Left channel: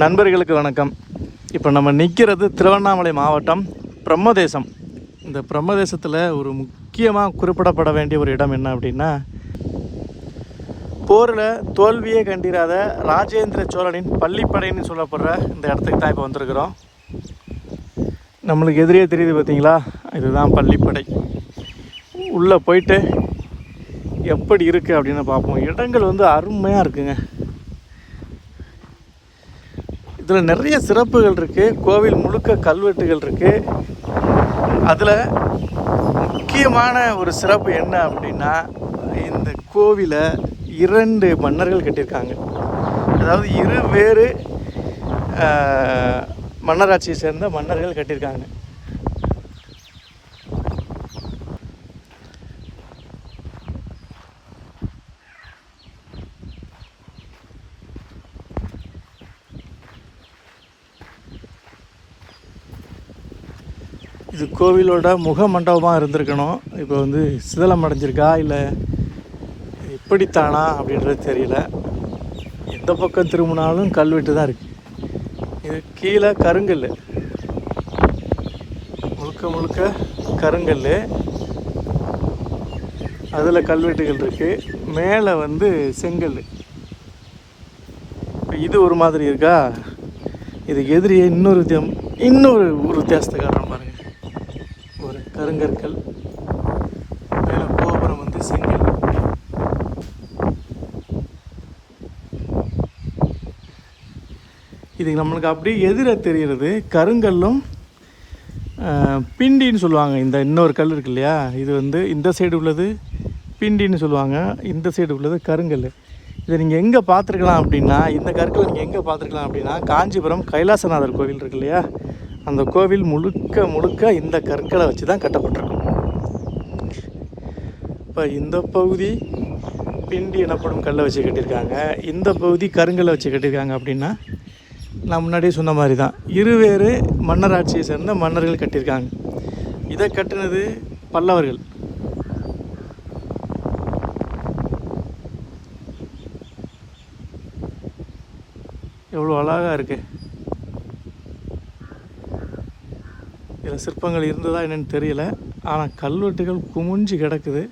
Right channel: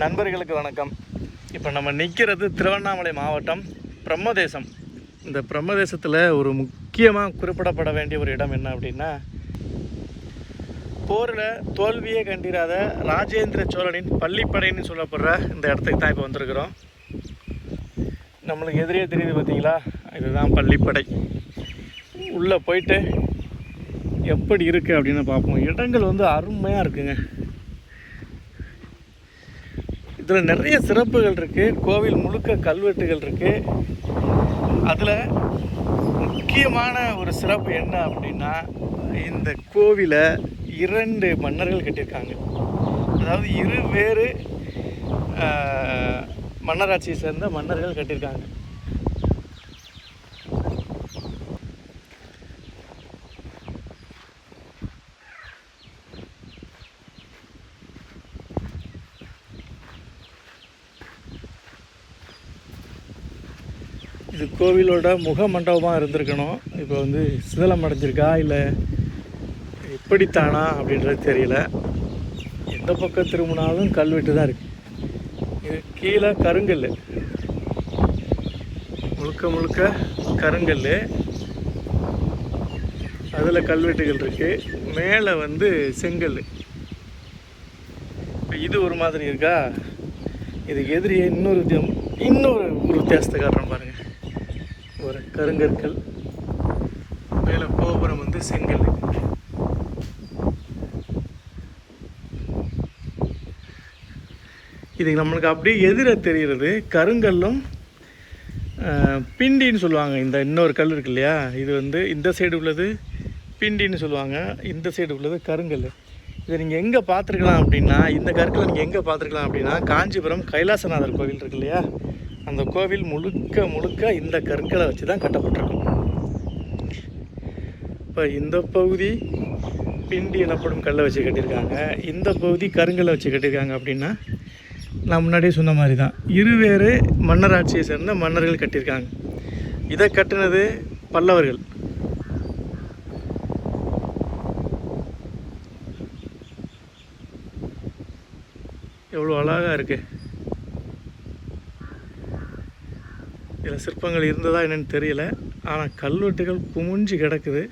நண்பர்களுக்கு வணக்கம். இப்போ நம்ம நிற்கிறது திருவண்ணாமலை மாவட்டம் பிரம்மதேசம். இந்த பிரம்மதேசத்தில் ஒரு முக்கியமாக குறிப்பிடப்பட வேண்டிய ஒரு இடம் என்ன அப்படின்னா, போரில் தோல்வியே கண்டிராத ராஜேந்திர சோழனின் பள்ளிப்படைன்னு சொல்லப்படுற இந்த இடத்துக்கு தான் இப்போ வந்திருக்கிறோம். நம்மளுக்கு எதிரே தெரியுது பார்த்தீங்களா, இதுதான் பள்ளிப்படை. உள்ளே போயிட்டு எப்படி இருக்குது அப்படின்னு பார்ப்போம். இடங்கள் வந்து அருமையாக இருக்குங்க. இதில் நிறைய சிறப்புகள் இருக்குது. கோவில் முழுக்க கல்வெட்டுகள் இருக்குது. அதில் முக்கியமான ஒரு சிறப்பு என்ன அப்படின்னா, இந்த கோவிலை 2 மன்னர்கள் கட்டியிருக்காங்க. அதாவது வேறு மன்னராட்சியை சேர்ந்த மன்னர்கள் கட்டியிருக்காங்க. இது கோவிலோட முக மண்டபமாக இருந்திருக்கணும். இப்போ வந்து சிதலம் அடைஞ்சிருக்கா இல்லை எப்படித்தானா அப்படின்றது தெரியல. எந்த பக்கம் திரும்பினாலும் கல்வெட்டு தான் இருக்குது. இது கீழே கருங்கல், முழுக்க முழுக்க கருங்கல். அதில் கல்வெட்டுகள் இருக்குது. மேலே வந்து செங்கல். இது ஒரு மாதிரி இருக்கா. இதுக்கு எதிரியே இன்னொரு வித்தியாசத்தை காட்டுறேன் பாருங்கள். ஒரு கருங்கற்கள், மேலே கோபுரம் வந்து செங்கல். இது நம்மளுக்கு அப்படியே எதிர தெரிகிறது கருங்கல்லும் பிண்டின்னு சொல்லுவாங்க. இந்த இன்னொரு கல் இருக்கு இல்லையா, இது வந்து இந்த சைடு உள்ளது பிண்டின்னு சொல்லுவாங்க, இந்த சைடு உள்ளது கருங்கல். இதை நீங்கள் எங்கே பார்த்துருக்கலாம் அப்படின்னா, இந்த கற்களை நீங்கள் எங்கே பார்த்துருக்கலாம் அப்படின்னா, காஞ்சிபுரம் கைலாசநாதர் கோவில் இருக்கு இல்லையா, அந்த கோவில் முழுக்க இந்த கற்களை வச்சு தான் கட்டப்பட்டிருக்கும். இப்போ இந்த பகுதி பிண்டி எனப்படும் கல்லை வச்சு கட்டியிருக்காங்க, இந்த பகுதி கருங்கல்லை வச்சு கட்டியிருக்காங்க. அப்படின்னா நான் முன்னாடியே சொன்ன மாதிரி தான் இருவேறு மன்னராட்சியை சேர்ந்த மன்னர்கள் கட்டியிருக்காங்க. இதை கட்டினது பல்லவர்கள். எவ்வளோ அழகாக இருக்குது. இதில் சிற்பங்கள் இருந்ததா என்னன்னு தெரியல, ஆனால் கல்வெட்டுகள் குமிஞ்சு கிடக்குது.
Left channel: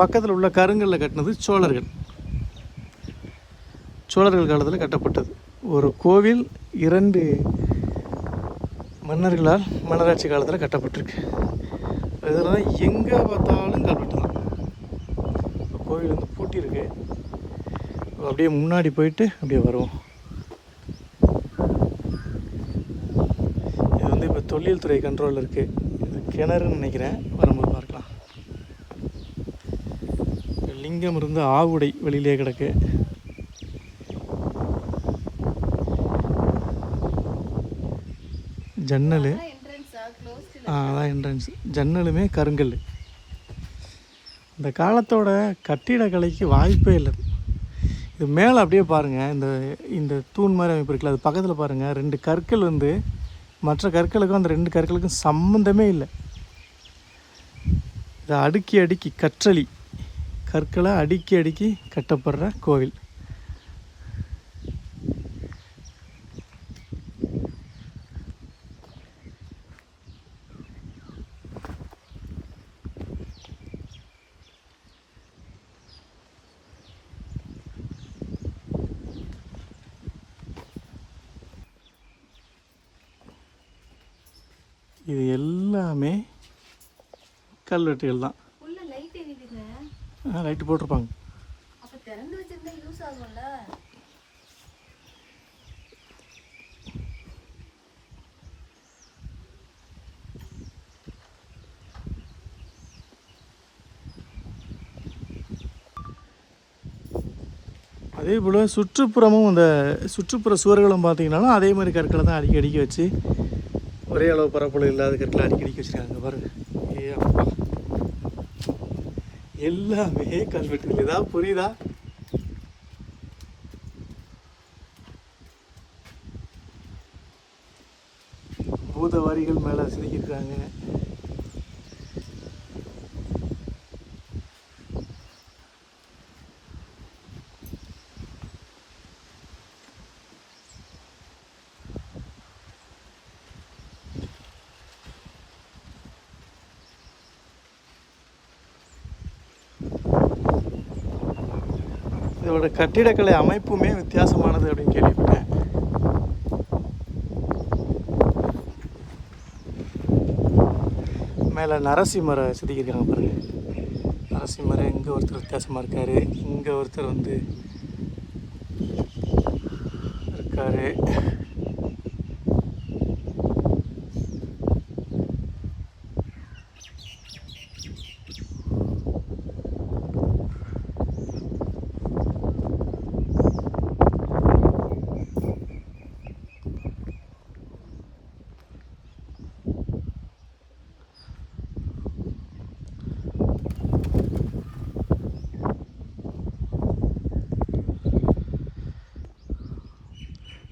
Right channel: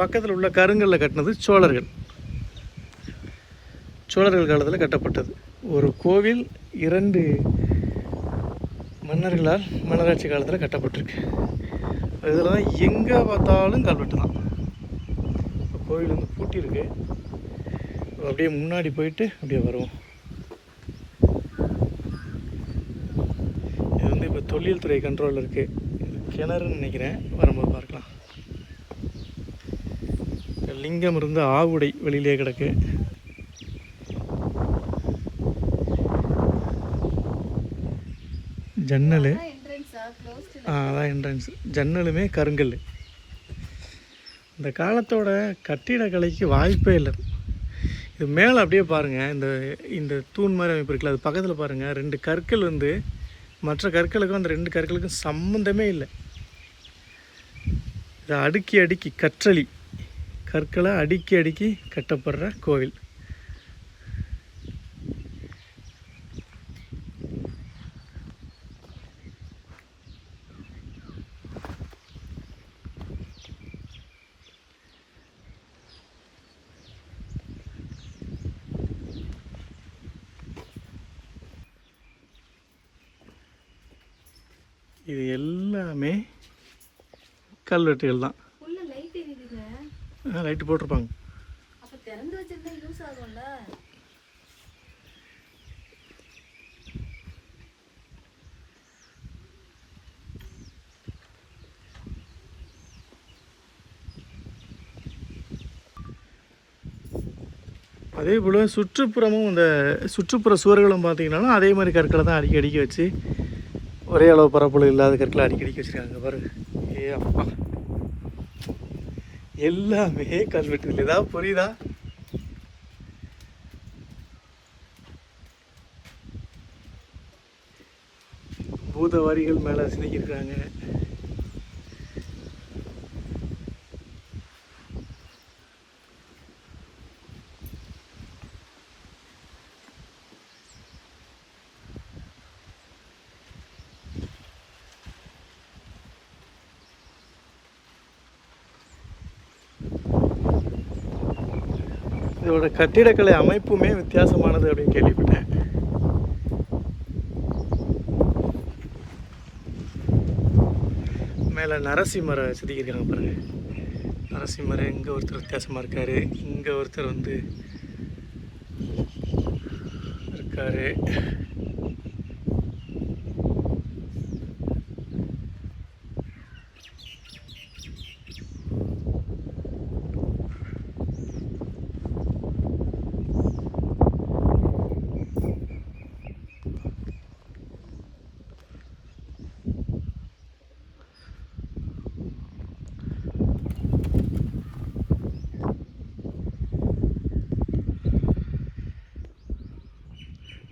பக்கத்தில் உள்ள கருங்கல்ல கட்டினது சோழர்கள் காலத்தில் கட்டப்பட்டது. ஒரு கோவில் 2 மன்னர்களால் மன்னராட்சி காலத்தில் கட்டப்பட்டிருக்கு. இதெல்லாம் எங்கே பார்த்தாலும் கல்வெட்டு தான். இப்போ கோவில் வந்து பூட்டியிருக்கு. அப்படியே முன்னாடி போயிட்டு அப்படியே வருவோம். இது வந்து இப்போ தொல்லியல் துறை கண்ட்ரோலில் இருக்குது. இது கிணறுன்னு நினைக்கிறேன், வரும்போது பார்க்கலாம். லிங்கம் இருந்து ஆவுடை வெளியிலே கிடக்கு. ஜன்னல், அதான் என்ட்ரன்ஸ். ஜன்னலுமே கருங்கல். இந்த காலத்தோட கட்டிடக்கலைக்கு வாய்ப்பே இல்லை. இது மேலே அப்படியே பாருங்கள், இந்த தூண் மாதிரி அமைப்பு இருக்குல்ல, அது பக்கத்தில் பாருங்கள் 2 கற்கள் வந்து மற்ற கற்களுக்கும் அந்த 2 கற்களுக்கும் சம்மந்தமே இல்லை. இதை அடுக்கி கற்களை அடுக்கி கட்டப்படுற கோவில். இது எல்லாமே கல்வெட்டுகள் தான். லைட்டு போட்டிருப்பாங்க. அதே போல் சுற்றுப்புறமும் இந்த சுற்றுப்புற சுவர்களும் பார்த்தீங்கன்னாலும் அதே மாதிரி கற்களை தான் அடிக்கி வச்சு, ஒரே அளவு பரப்பளவு இல்லாத கற்களை அடிக்கடி வச்சுருக்காங்க பாருங்க. அப்பா, எல்லாமே கல்வெட்டுகள். ஏதாவது புரியுதா? பூத வரிகள் மேலே செதுக்கியிருக்காங்க. இதோட கட்டிடக்கலை அமைப்புமே வித்தியாசமானது அப்படின்னு கேள்விப்பட்டேன். மேலே நரசிம்மரை செதுக்கியிருக்காங்க பாருங்கள். நரசிம்மர் இங்கே ஒருத்தர் வித்தியாசமாக இருக்கார், இங்கே ஒருத்தர் வந்து இருக்கார்.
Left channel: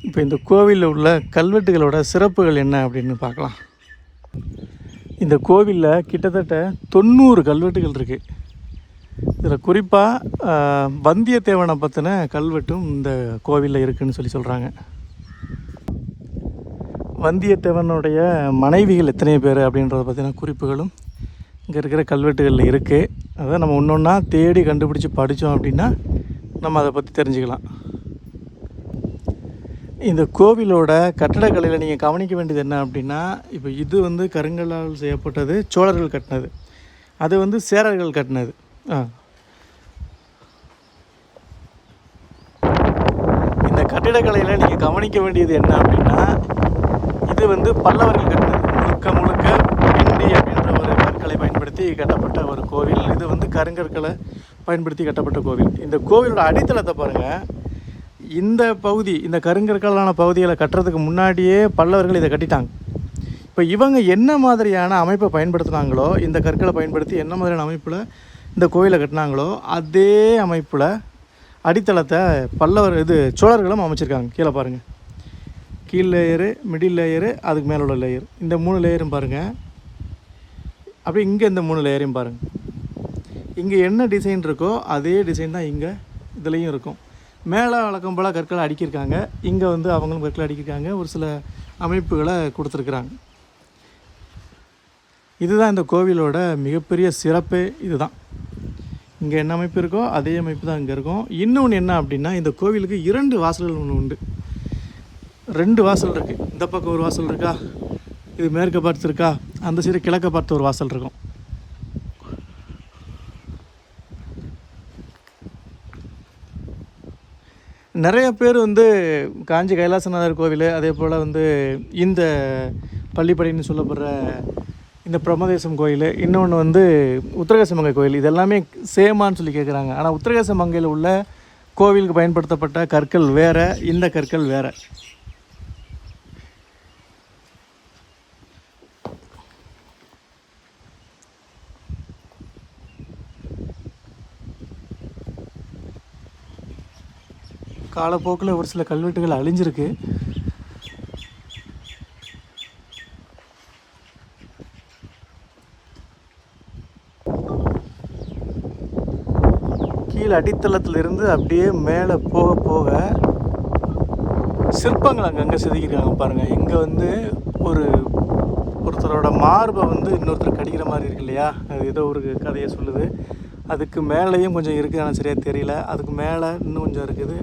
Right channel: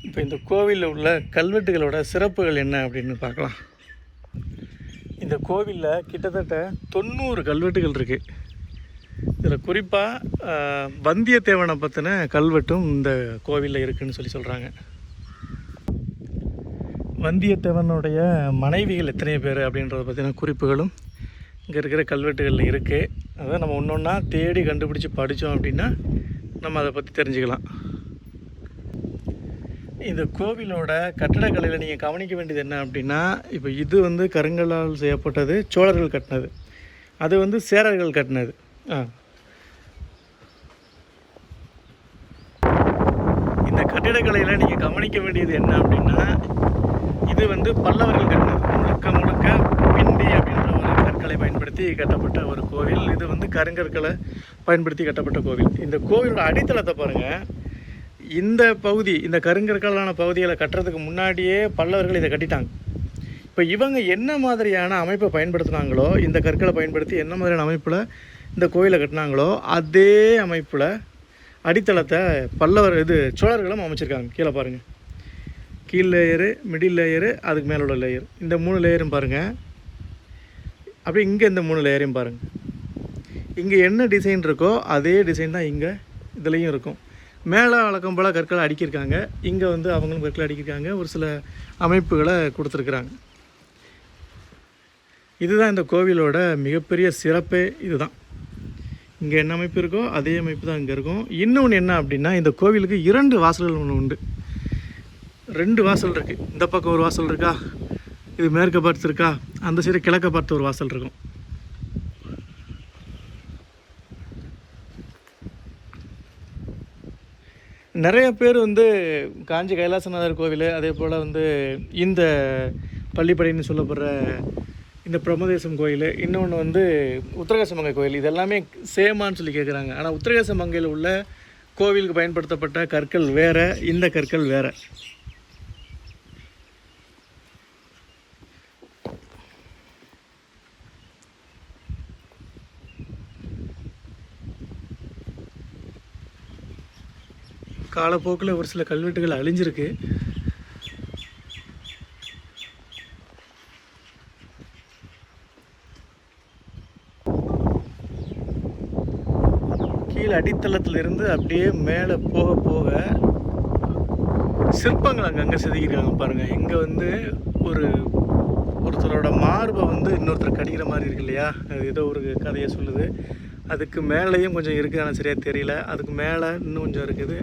இப்போ இந்த கோவிலில் உள்ள கல்வெட்டுகளோட சிறப்புகள் என்ன அப்படின்னு பார்க்கலாம். இந்த கோவிலில் கிட்டத்தட்ட 90 கல்வெட்டுகள் இருக்குது. இதில் குறிப்பாக வந்தியத்தேவனை பற்றின கல்வெட்டும் இந்த கோவிலில் இருக்குதுன்னு சொல்கிறாங்க. வந்தியத்தேவனுடைய மனைவிகள் எத்தனை பேர் அப்படின்றத பற்றின குறிப்புகளும் இங்கே இருக்கிற கல்வெட்டுகளில் இருக்குது. அதை நம்ம ஒன்று ஒன்றா தேடி கண்டுபிடிச்சி படித்தோம் அப்படின்னா நம்ம அதை பற்றி தெரிஞ்சுக்கலாம். இந்த கோவிலோட கட்டடக்கலையில் நீங்கள் கவனிக்க வேண்டியது என்ன அப்படின்னா, இப்போ இது வந்து கருங்கல்லால் செய்யப்பட்டது, சோழர்கள் கட்டினது. அது வந்து சேரர்கள் கட்டினது. இந்த கட்டிடக்கலையில் நீங்கள் கவனிக்க வேண்டியது என்ன அப்படின்னா, இது வந்து பல்லவர்கள் கட்டினது. முழுக்க முழுக்க பிண்டி அப்படின்ற ஒரு கற்களை பயன்படுத்தி கட்டப்பட்ட ஒரு கோவில். இது வந்து கருங்கற்களை பயன்படுத்தி கட்டப்பட்ட கோவில். இந்த கோவிலோட அடித்தளத்தை பாருங்கள். இந்த பகுதி, இந்த கருங்கற்களான பகுதிகளை கட்டுறதுக்கு முன்னாடியே பல்லவர்கள் இதை கட்டிட்டாங்க. இப்போ இவங்க என்ன மாதிரியான அமைப்பை பயன்படுத்தினாங்களோ, இந்த கற்களை பயன்படுத்தி என்ன மாதிரியான அமைப்பில் இந்த கோவிலை கட்டினாங்களோ அதே அமைப்பில் அடித்தளத்தை சோழர்களும் அமைச்சிருக்காங்க. கீழே பாருங்கள், கீழ் லேயரு, மிடில் லேயரு, அதுக்கு மேலே உள்ள லேயர், இந்த 3 லேயரும் பாருங்கள். அப்படியே இங்கே இந்த 3 லேயரையும் பாருங்கள். இங்கே என்ன டிசைன் இருக்கோ அதே டிசைன் தான் இங்கே இதுலேயும் இருக்கும். மேலே வழக்கம் போல் கற்களை அடுக்கியிருக்காங்க, இங்கே வந்து அவங்களும் கற்களை அடுக்கியிருக்காங்க, ஒரு சில அமைப்புகளை கொடுத்துருக்குறாங்க. இதுதான் இந்த கோவிலோட மிகப்பெரிய சிறப்பே இதுதான். இங்கே என்ன அமைப்பு இருக்கோ அதே அமைப்பு தான் இங்கே இருக்கும். இன்னொன்று என்ன அப்படின்னா, இந்த கோவிலுக்கு 2 வாசல்கள் ஒன்று உண்டு. 2 வாசல் இருக்குது. இந்த பக்கம் ஒரு வாசல் இருக்கா, இது மேற்க பார்த்து இருக்கா, அந்த சைடு கிழக்க பார்த்து ஒரு வாசல் இருக்கும். நிறைய பேர் வந்து காஞ்சி கைலாசநாதர் கோவில், அதே போல் வந்து இந்த பள்ளிப்படைன்னு சொல்லப்படுற இந்த பிரம்மதேசம் கோயில், இன்னொன்று வந்து உத்திரகாசமங்கை கோயில், இதெல்லாமே சேமான்னு சொல்லி கேட்குறாங்க. ஆனால் உத்திரகாசமங்கையில் உள்ள கோவிலுக்கு பயன்படுத்தப்பட்ட கற்கள் வேறு, இந்த கற்கள் வேறு. காலப்போக்கில் ஒரு சில கல்வெட்டுகள் அழிஞ்சிருக்கு. கீழே அடித்தளத்திலிருந்து அப்படியே மேலே போக போக சிற்பங்கள் அங்கங்கே செதுக்கியிருக்காங்க பாருங்கள். இங்கே வந்து ஒருத்தரோட மார்பை வந்து இன்னொருத்தர் கடிக்கிற மாதிரி இருக்கு இல்லையா, அது ஏதோ ஒரு கதையை சொல்லுது. அதுக்கு மேலேயும் கொஞ்சம் இருக்குது, ஆனால் சரியாக தெரியல. அதுக்கு மேலே இன்னும் கொஞ்சம் இருக்குது.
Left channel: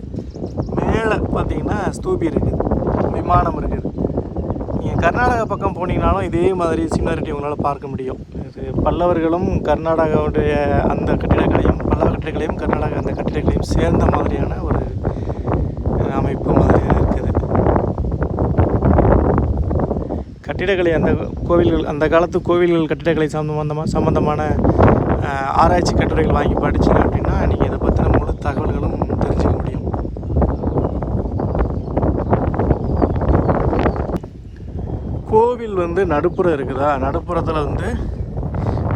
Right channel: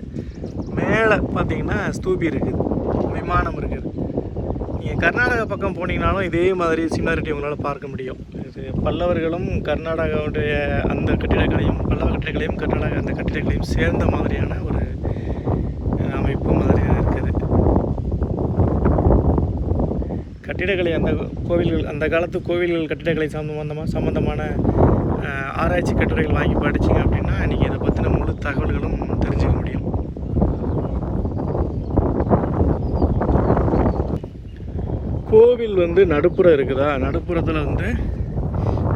மேலே பார்த்தீங்கன்னா ஸ்தூபி இருக்குது, விமானம் இருக்குது. நீங்கள் கர்நாடகா பக்கம் போனீங்கனாலும் இதே மாதிரி சிமிலாரிட்டி உங்களால் பார்க்க முடியும். இது பல்லவர்களும் கர்நாடகாவுடைய அந்த கட்டிடக்கலையும், பல்லவ கட்டிடக்கலையும் கர்நாடகா அந்த கட்டிடக்கலையும் சேர்ந்த மாதிரியான ஒரு அமைப்பு மாதிரி இருக்குது. கட்டிடக்கலை அந்த கோவில்கள், அந்த காலத்து கோவில்கள் கட்டிடக்கலை சம்பந்தமான ஆராய்ச்சி கட்டுரைகள் வாங்கி படிச்சிங்க அப்படின்னா நீங்கள் இதை பற்றின முழு தகவல்களும் தெரிஞ்சுக்க முடியும். கோவில் வந்து நடுப்புறம் இருக்குதா, நடுப்புறத்தில் வந்து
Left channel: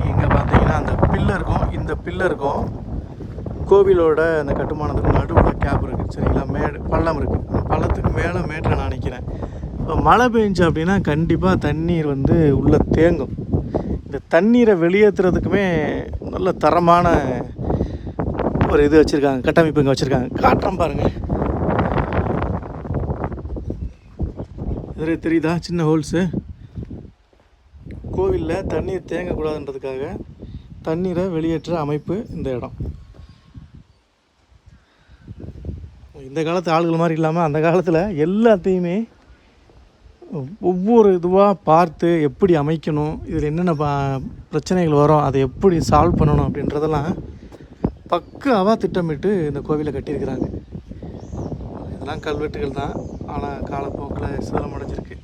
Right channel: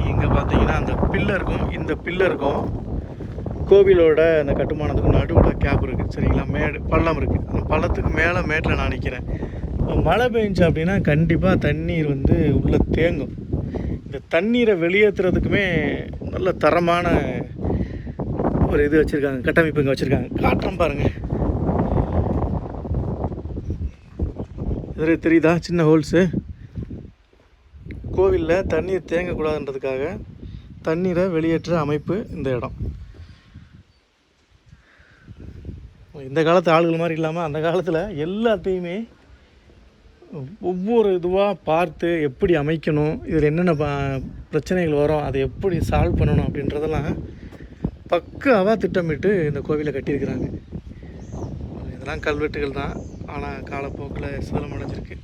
இங்கே பார்த்தீங்கன்னா அந்த பில்லருக்கும் இந்த பில்லருக்கும் கோவிலோட அந்த கட்டுமானத்துக்கு நடுவில் கேப் இருக்குது, சரிங்களா. பள்ளம் இருக்குது. அந்த பள்ளத்துக்கு மேலே மேட்டில் நான் நிற்கிறேன். இப்போ மழை பெஞ்சு அப்படின்னா கண்டிப்பாக தண்ணீர் வந்து உள்ளே தேங்கும். இந்த தண்ணீரை வெளியேற்றுறதுக்குமே நல்ல தரமான ஒரு இது வச்சுருக்காங்க, கட்டமைப்பு இங்கே வச்சுருக்காங்க. காட்டுறோம் பாருங்கள். இது தெரியுதா, சின்ன ஹோல்ஸு. கோவிலில் தண்ணீர் தேங்கக்கூடாதுன்றதுக்காக தண்ணீரை வெளியேற்ற அமைப்பு இந்த இடம். இந்த காலத்து ஆளுகள் மாதிரி இல்லாமல் அந்த காலத்தில் எல்லாத்தையுமே ஒவ்வொரு இதுவாக பார்த்து எப்படி அமைக்கணும், இதில் என்னென்ன பிரச்சனைகள் வரும், அதை எப்படி சால்வ் பண்ணணும் அப்படின்றதெல்லாம் பக்காவாக திட்டமிட்டு இந்த கோவிலை கட்டியிருக்கிறாங்க. இதெல்லாம் கல்வெட்டுகள் தான், ஆனால் காலப்போக்கில் சிதலமடைஞ்சிருக்கு,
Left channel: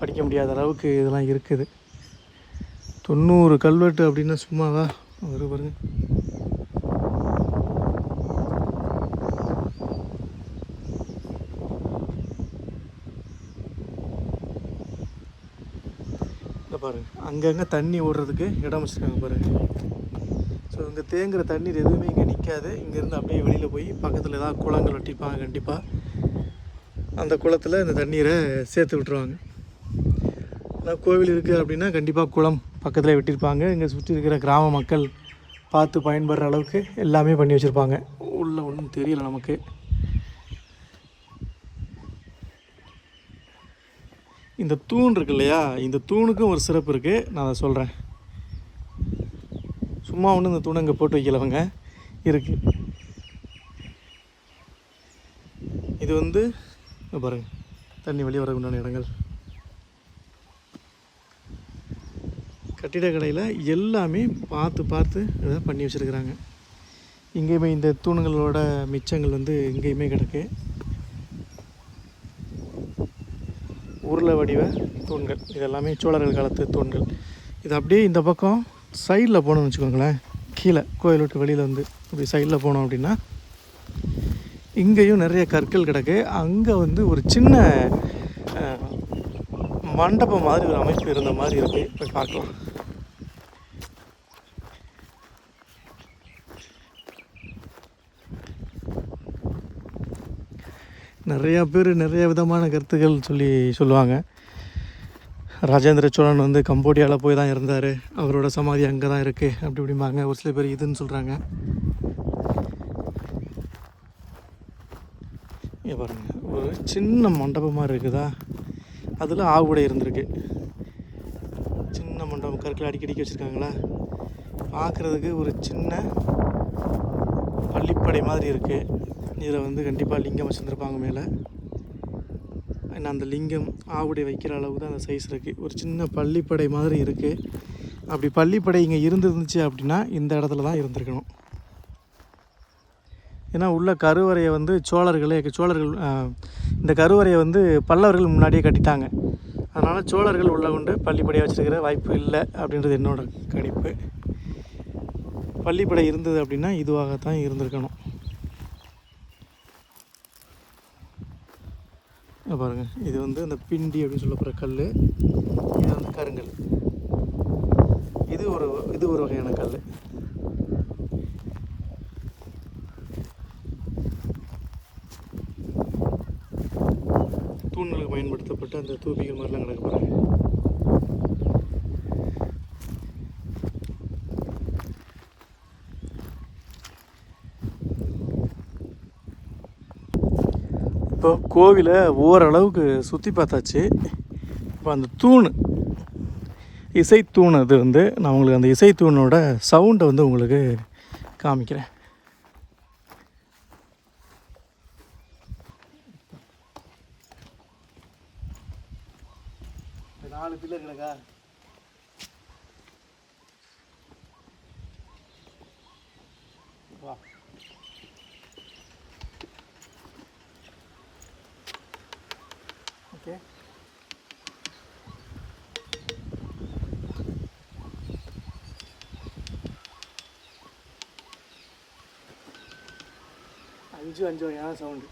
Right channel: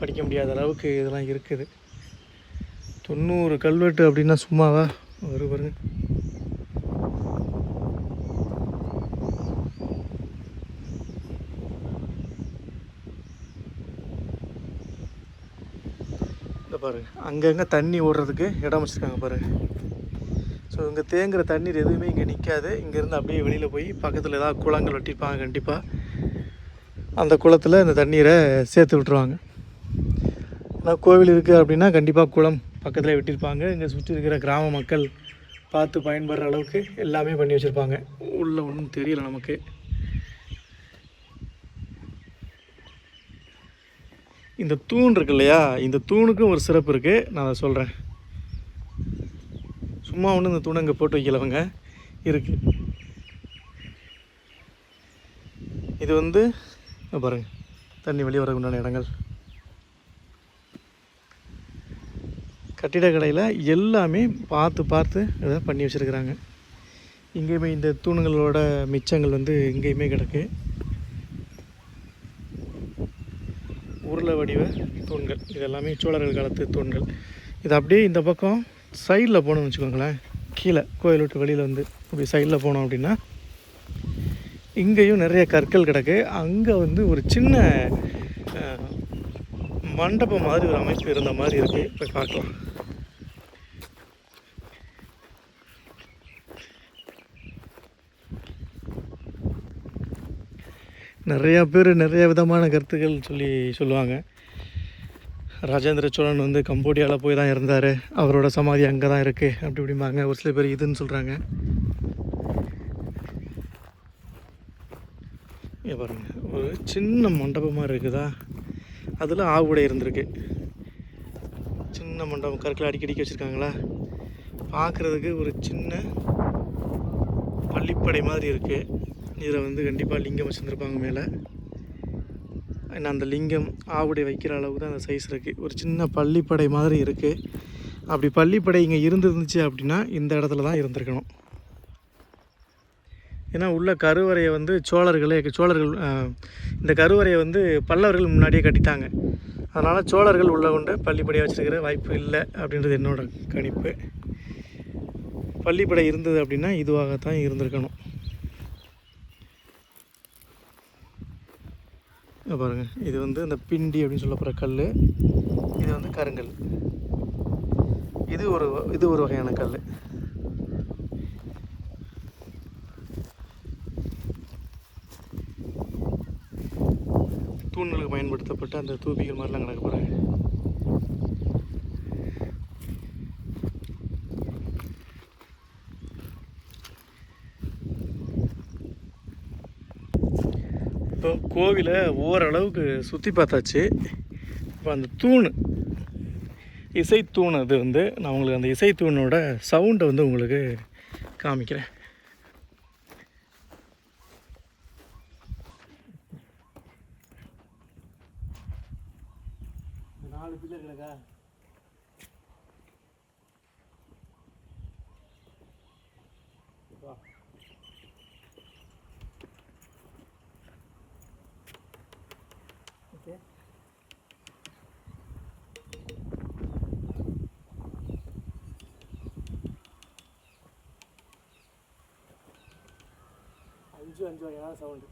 படிக்க முடியாத அளவுக்கு இதெல்லாம் இருக்குது. 90 கல்வெட்டு அப்படின்னா சும்மாவா பாருங்க. இந்த பாருங்கள், அங்கங்கே தண்ணி ஓடுறதுக்கு இடம் வச்சுருக்காங்க பாருங்கள். ஸோ இங்கே தேங்குகிற தண்ணீர் எதுவுமே இங்கே நிற்காது. இங்கேருந்து அப்படியே வெளியில் போய் பக்கத்தில் ஏதாவது குளங்கள் வெட்டிப்பாங்க. கண்டிப்பாக அந்த குளத்தில் இந்த தண்ணீரை சேர்த்து விட்டுருவாங்க. ஆனால் கோவில் இருக்குது அப்படின்னா கண்டிப்பாக குளம் பக்கத்தில் வெட்டியிருப்பாங்க. இங்கே சுற்றி இருக்கிற கிராம மக்கள் பார்த்து பயன்படுற அளவுக்கு எல்லாமே பண்ணி வச்சுருப்பாங்க. உள்ளே ஒன்றும் தெரியல நமக்கு. இந்த தூண் இருக்கு இல்லையா, இந்த தூணுக்கும் ஒரு சிறப்பு இருக்குது, நான் அதை சொல்கிறேன். சும்மா ஒன்று இந்த தூணை இங்கே போட்டு வைக்கலவங்க இருக்குது. இது வந்து பாருங்கள், தண்ணி வெளியே வர உண்டான இடங்கள். கட்டிடக்கலையில் எல்லாமே பார்த்து பார்த்து இதை பண்ணி வச்சுருக்குறாங்க. இங்கேயுமே இந்த தூணுங்களோட மிச்சங்கள் வந்து இங்கேயுமே கிடக்கு. உருளை வடிவ தூண்கள், இது எல்லாமே சோழர்கள் காலத்து தூண்கள். இது அப்படியே இந்த பக்கம் சைடில் போனோம்னு வச்சுக்கோங்களேன், கீழே கோயில் விட்டு வெளியில் வந்து இப்படி சைடில் போனோம் அப்படின்னா இங்கேயும் நிறைய கற்கள் கிடக்கு. அங்கே வந்து ஒரு சின்ன மண்டபம் மாதிரி ஒரு அமைப்பு இருந்த மாதிரி இருக்குது. போய் பார்க்கலாம். நிறையா பேர் நிறைய விதமான கருத்துக்கள் சொல்லுவாங்க. ராஜேந்திர சோழன் வந்து கம்போடியாவில் போய் தான் இருந்தார், அவரோட சமாதி அங்கே தான் இருக்குது அப்படி இப்படிம்பாங்க. ஒரு சில பேர் இதுன்னு சொல்கிறாங்க. இங்கே பாருங்கள், ஒரு சின்ன மண்டபமாக இருக்குதா, அதில் ஆவுடை இருந்திருக்கு. சின்ன மண்டபம், கற்களை அடிக்கடிக்க வச்சுருக்காங்களா, பார்க்குறதுக்கு ஒரு சின்ன பள்ளிப்படை மாதிரி இருக்குது. இதில் வந்து கண்டிப்பாக லிங்கம் வச்சுருந்துருப்பாங்க மேலே. ஏன்னா அந்த லிங்கம் ஆவுடை வைக்கிற அளவுக்கு தான் அந்த சைஸ் இருக்குது. ஒரு சின்ன பள்ளிப்படை மாதிரி இருக்குது. அப்படி பள்ளிப்படை இங்கே இருந்துருந்துச்சு அப்படின்னா இந்த இடத்துல தான் இருந்திருக்கணும். ஏன்னா உள்ள கருவறையை வந்து சோழர்கள் இந்த கருவறையை வந்து பல்லவர்கள் முன்னாடியே கட்டிட்டாங்க. அதனால் சோழர்கள் உள்ள கொண்டு பள்ளிப்படையை வச்சுருக்கிற வாய்ப்பு இல்லை அப்படின்றது என்னோட கணிப்பு. பள்ளிப்படை இருந்தது அப்படின்னா இதுவாகத்தான் இருந்திருக்கணும். பாருங்கள், இது வந்து இந்த பிண்டி அப்படின்னு சொல்லப்படுற கல், இது வந்து கருங்கல். இது ஒரு வகையான கல். தூண்களுக்கு பயன்படுத்தப்பட்ட அந்த தூபிகள் மாதிரிலாம் கிடக்க போகிறாங்க. இப்போ கோவிலை ஓரளவுக்கு சுற்றி பார்த்தாச்சு. இப்போ அந்த தூண், இசைத்தூண், அது வந்து நான் உங்களுக்கு அந்த இசைத்தூணோட சவுண்டை வந்து உங்களுக்கு காமிக்கிறேன். நாலு பில்லர்களுக்கா வா. ஓகே, அஞ்சு வகையான சவுண்டு.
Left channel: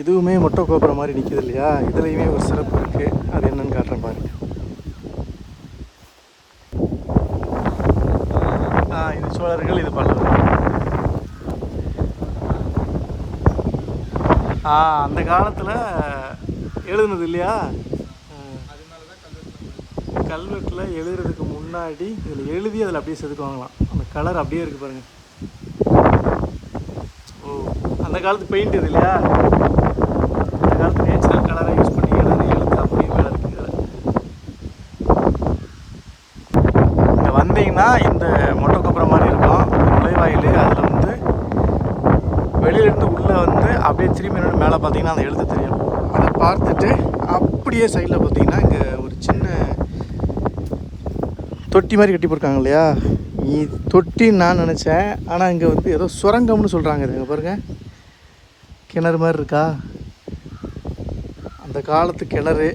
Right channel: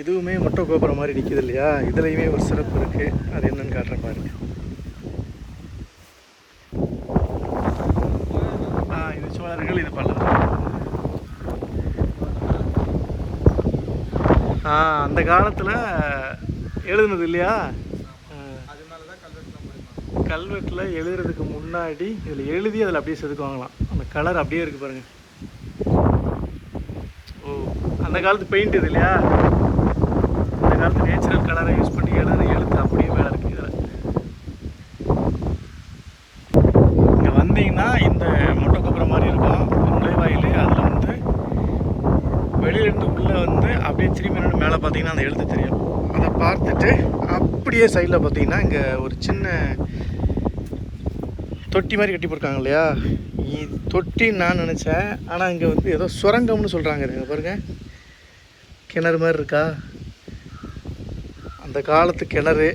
இதுவுமே மொட்டை கோபுரம் மாதிரி நிற்கிது இல்லையா, இதுலேயுமே ஒரு சிறப்பு இருக்குது. அது என்னன்னு காட்டுறேன் பாருங்க. இது சோழர்கள், இது பல்லவர்கள். அந்த காலத்தில் எழுதுனது இல்லையா, கல்வெட்டில் எழுதுறதுக்கு முன்னாடி இதில் எழுதி அதில் அப்படியே செதுக்குவாங்களாம். அந்த கலர் அப்படியே இருக்குது பாருங்கள். ஓ, அந்த காலத்து பெயிண்ட் இது இல்லையா, அந்த காலத்து நேச்சுரல் கலரை யூஸ் பண்ணி எழுத்து அப்படியே மேலே இருக்குது. இதில் இங்கே வந்தீங்கன்னா இந்த மொட்டை கொப்புறம் மாதிரி இருக்கும் நுழைவாயில். அதில் வந்து வெளியிலேருந்து உள்ளே வந்து அப்படியே திரும்பி மேலே பார்த்தீங்கன்னா அந்த எழுத்து தெரியும். அதை பார்த்துட்டு அப்படியே சைடில் பார்த்தீங்கன்னா இங்கே ஒரு சின்ன தொட்டி மாதிரி கட்டி போயிருக்காங்க இல்லையா, இது தொட்டின்னு நான் நினச்சேன். ஆனால் இங்கே வந்து ஏதோ சுரங்கம்னு சொல்கிறாங்க. இங்கே பாருங்கள், கிணறு மாதிரி இருக்கா. அந்த காலத்து கிணறு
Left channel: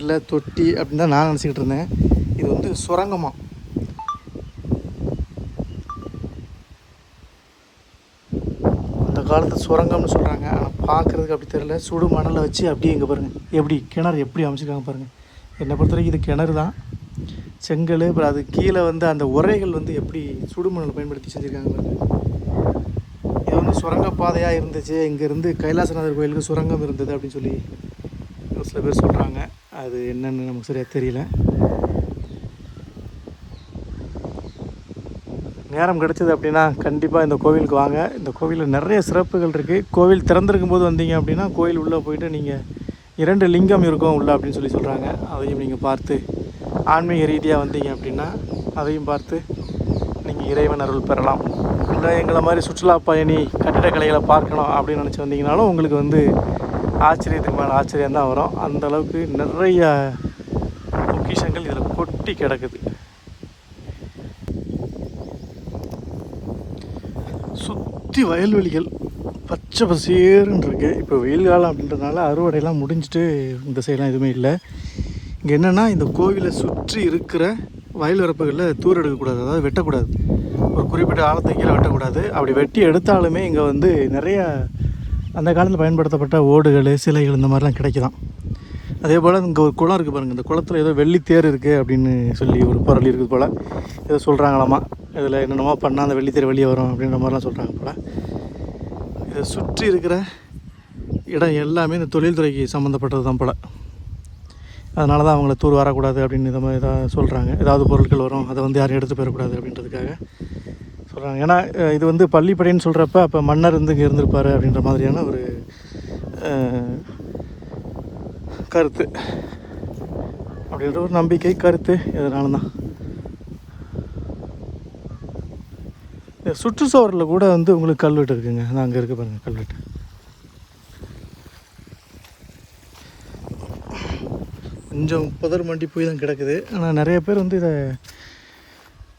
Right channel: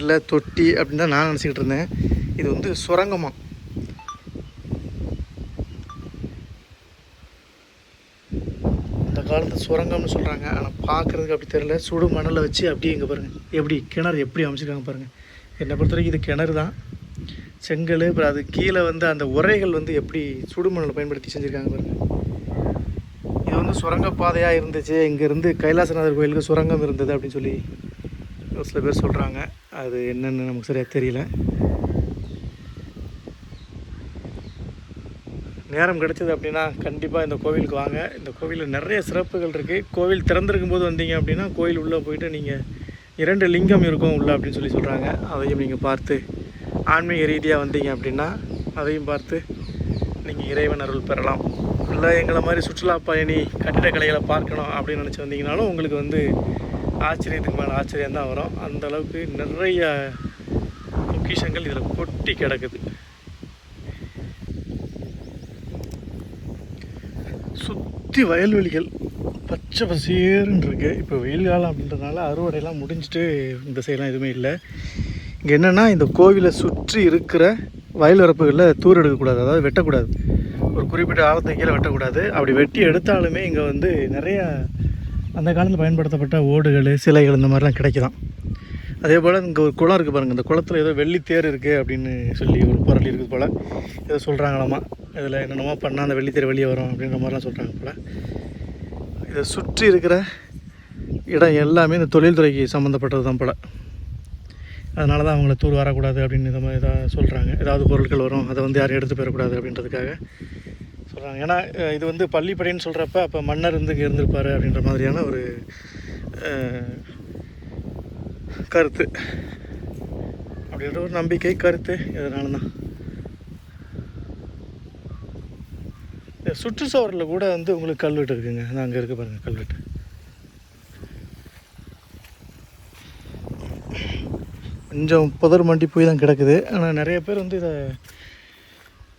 இல்லை தொட்டி அப்படின்னு தான் நான் நினச்சிக்கிட்டு இருந்தேன். இது வந்து சுரங்கமா. அந்த காலத்து சுரங்கம்னு சொல்கிறாங்க. ஆனால் பார்க்குறதுக்கு அப்படி தெரியல. சுடு மணலை வச்சு அப்படியே இங்கே பாருங்கள் எப்படி கிணறு எப்படி அமைச்சிருக்காங்க பாருங்கள். என்னை பொறுத்த வரைக்கும் இது கிணறு தான், செங்கல். அப்புறம் அது கீழே வந்து அந்த உரைகள் வந்து எப்படி சுடுமணலை பயன்படுத்தி செஞ்சுருக்காங்க பாருங்கள். இது வந்து சுரங்கப்பாதையாக இருந்துச்சு, இங்கேருந்து கைலாசநாதர் கோயிலுக்கு சுரங்கம் இருந்தது அப்படின்னு சொல்லி சில பேர் சொல்கிறாங்க. அது என்னென்னு நமக்கு சரியாக தெரியல. நேரம் கிடச்சிது அப்படின்னா கண்டிப்பாக இந்த கோவிலுக்கு வாங்க. இந்த கோவிலில் நிறைய சிறப்புகள் இருக்குது. கோவில் திறந்திருக்கும் போது வந்தீங்க அப்படின்னா கோவில் உள்ளே போயிட்டு நீங்கள் 2 லிங்கம் இருக்கும் உள்ளே அப்படின்னு சொல்லி சொல்கிறாங்க. அதையும் நீங்கள் பார்த்து ஆன்மீக ரீதியாக வந்தீங்க அப்படின்னா அதையும் பார்த்து நீங்கள் இறைவன் அருள் பெறலாம். இல்லை எங்களை மாதிரி சுற்றுலா பயணி கட்டிடக்கலைகளை பார்க்கணும் அப்படின்னு நினச்சி வந்தீங்கனாலும் உங்களுக்கு வந்து ஆச்சரியத்துக்கு மேலே ஆச்சரியம் தான் வரும். அந்தளவுக்கு நிறைய பொக்கிஷங்கள் இதில் கொட்டி கிடக்குது. சுற்றி வயல்வெளிகள் பச்சை பசேருன்னு இருக்குது. இப்போ வெயில் காலம் அப்படின்றதுனால அறுவடையெல்லாம் முடிஞ்சிட்டு இந்த சைடெலாம் எதுவுமே இல்லை. இங்கே என்னென்னா இந்த கோவிலை சுற்றி இருக்கிற வயல் வரப்புகளில் தூர் எடுக்கக்கூடாது, அதாவது வெட்டக்கூடாது. ஒரு குறிப்பிட்ட ஆழத்துக்கு கீழே வெட்டக்கூடாது. அப்படி வெட்டி எடுத்தாலுமே இங்கே வந்து நிறைய அந்த காலத்தில் பயன்படுத்தப்பட்ட ஓடுகள், சிலைகள் இந்த மாதிரிலாம் கிடைக்கலாம். அதே போல் இங்கே ஒரு குளம் இருக்குது பாருங்கள். இந்த குளத்தில் ஏதோ வெள்ளித்தேர் இருக்குது அப்படின்னு சொல்லி ஒரு பொருள் இருக்குது போல். ஏதோ சொல்கிறாங்களாமா, இதில் என்னென்னமோ பண்ணால் அந்த வெள்ளித்தேர் வெளியே வரும் அப்படின்ற மாதிரிலாம் சொல்கிறாங்க போல். இதை சுற்றி இருக்கிற இடம் எல்லாமே இந்த தொழில்துறைக்கு சம்மந்தப்பட்டது தான் போல். அதனால தான் அவங்கள தூர் வரக்கூடாது அப்படின்னு இதை மாதிரி தான் சொல்கிறாங்க. ஏதாவது பொருட்கள் வரும், அதை வந்து யாரும் எடுத்து போயிடக்கூடாது அப்படின்றதுக்காக சொல்கிறாங்க. ஏன்னா இது வந்து பள்ளிப்படைன்னு சொல்கிறப்ப அப்போ மன்னர் வந்து இங்கே இருந்திருப்பார் அப்படின்ற மாதிரியான ஒரு கருத்து, அப்படின்ற ஒரு நம்பிக்கை கருத்து. இதனால தான் சுற்றுச்சுவரில் கூட வந்து உங்களுக்கு கல்வெட்டு இருக்குங்க. அது அங்கே இருக்குது பாருங்கள் கல்வெட்டு. கொஞ்சம் புதர் மண்டி போய் தான் கிடக்குது. ஆனால் நிறைய பேர் வந்து இதை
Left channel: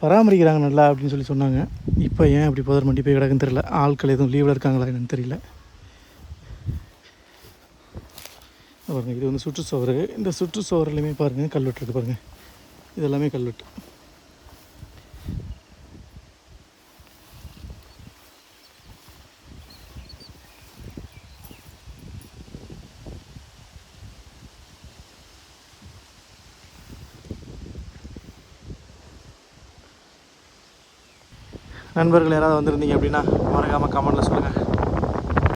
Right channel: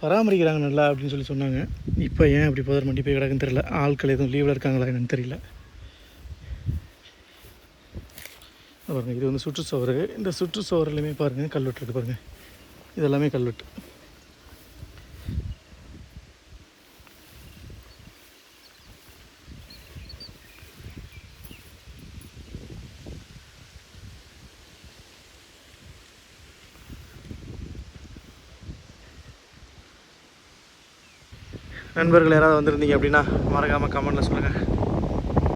பராமரிக்கிறாங்க நல்லா அப்படின்னு சொல்லி சொன்னாங்க. இப்போ ஏன் அப்படி புதர் மண்டி போய் கிடக்குன்னு தெரியல. ஆட்கள் எதுவும் லீவில் இருக்காங்களா என்னன்னு தெரியல. பாருங்கள், இது வந்து சுற்றுச்சுவர். இந்த சுற்றுச்சுவர்லையுமே பாருங்கள் கல்வெட்டு இருக்குது பாருங்கள். இதெல்லாமே கல்வெட்டு. நண்பர்கள் யாராவது வந்திருந்தீங்க அப்படின்னா மறக்காமல் கமெண்ட்டில் சொல்லுங்கள்.